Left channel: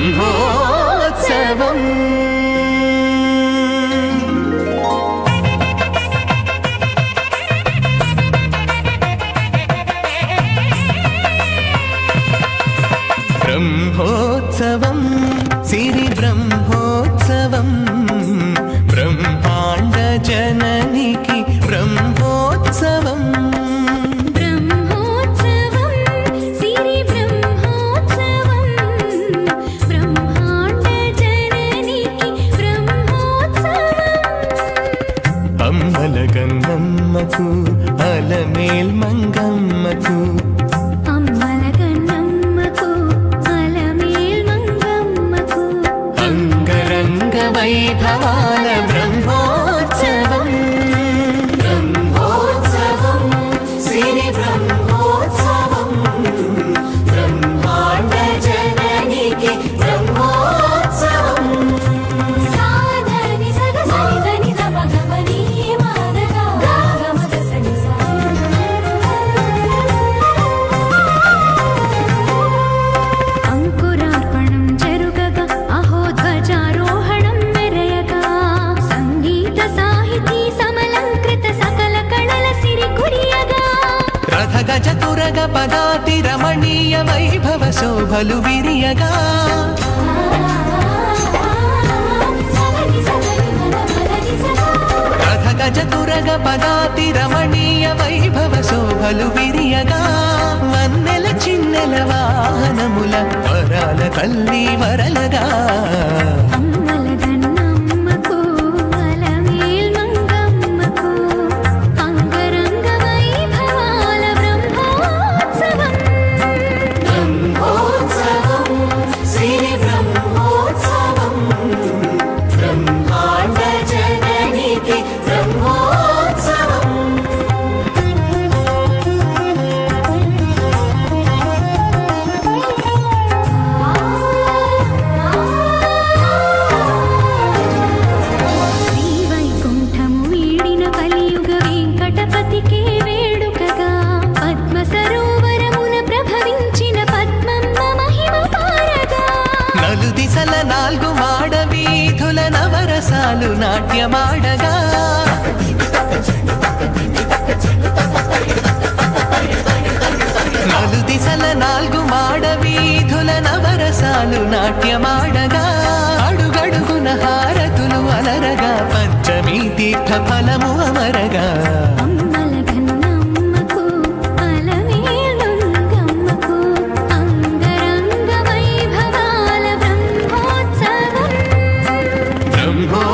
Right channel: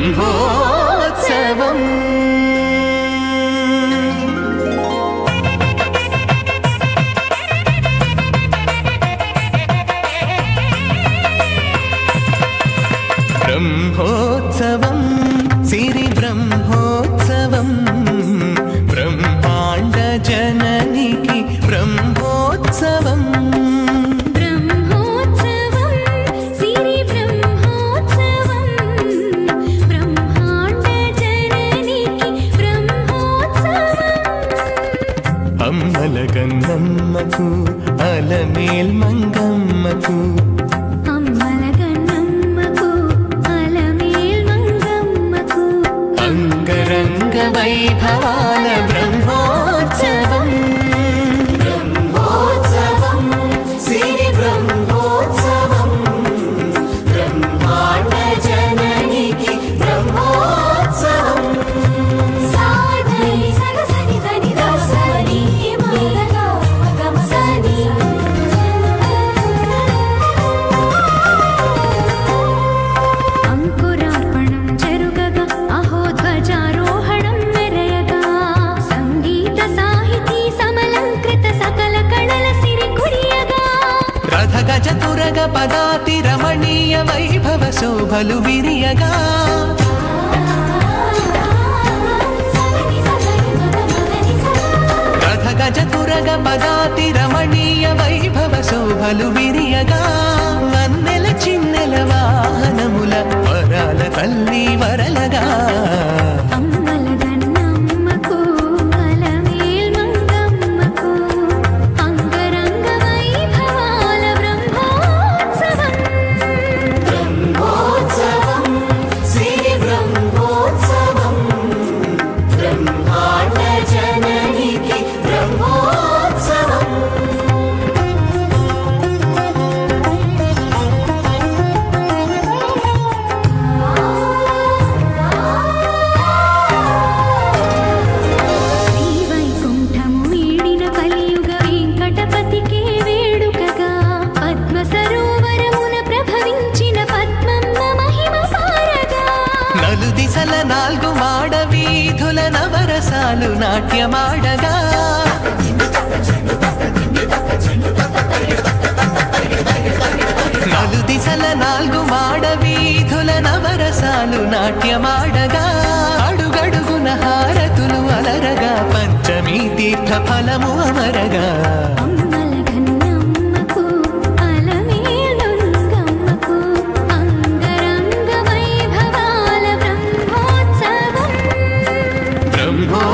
బ్రహ్మోత్సవం బ్రహ్మోత్సవం సిరి బ్రహ్మోత్సవం బ్రహ్మాండ జననికి బ్రహ్మోత్సవం బ్రహ్మోత్సవం సిరి బ్రహ్మోత్సవం బ్రహ్మాండ జననికి బ్రహ్మోత్సవం అమ్మల గన్నమ్మకు అలమేల్ మంగమ్మకు అమ్మల గన్నమ్మకు అలమేల్ మంగమ్మకు అంగరంగ వైభవాల బ్రహ్మోత్సవం బ్రహ్మోత్సవం సిరి బ్రహ్మోత్సవం బ్రహ్మాండ జననికి బ్రహ్మోత్సవం సాధని సగసని దని దవసని మగగా గమసని అంకురార్పణం జరుగగా అహో ధ్వజారోహణం మెరయగా సంగీత సాహితీ సమలంకృత సకల కళల సిరి కురియగా రథ గజ తురగ పదాతి రమణీయ వైభవ శోభలు విరియగా రథ గజ తురగ పదాతి రమణీయ వైభవ శోభలు విరియగా వన్నెల చిన్నెల వాహనముల వరాల తల్లి వరలగా అమ్మల గన్నమ్మకు అలమేల్ మంగమ్మకు అంగరంగ వైభవాల బ్రహ్మోత్సవం బ్రహ్మోత్సవం సిరి బ్రహ్మోత్సవం బ్రహ్మాండ జననికి బ్రహ్మోత్సవం శ్రీవైకుంఠము వీడిన కలియుగ వెంకటపతికే వేడుకగా పద్మ సరోవరమున ప్రభవించిన పద్మమ్మ మహిమ పారగా నలు దిశల నాలుగు మాడ వీధుల నవరసాలు నాట్యమాడగా నలు దిశల నాలుగు మాడ వీధుల నవరసాలు నాట్యమాడగా అడుగడుగున హారతులు అలరగా పంచమీ తీర్థ ఫలము అమరగా అమ్మల గన్నమ్మకు అలమేల్ మంగమ్మకు అంగరంగ వైభవాల బ్రహ్మోత్సవం బ్రహ్మో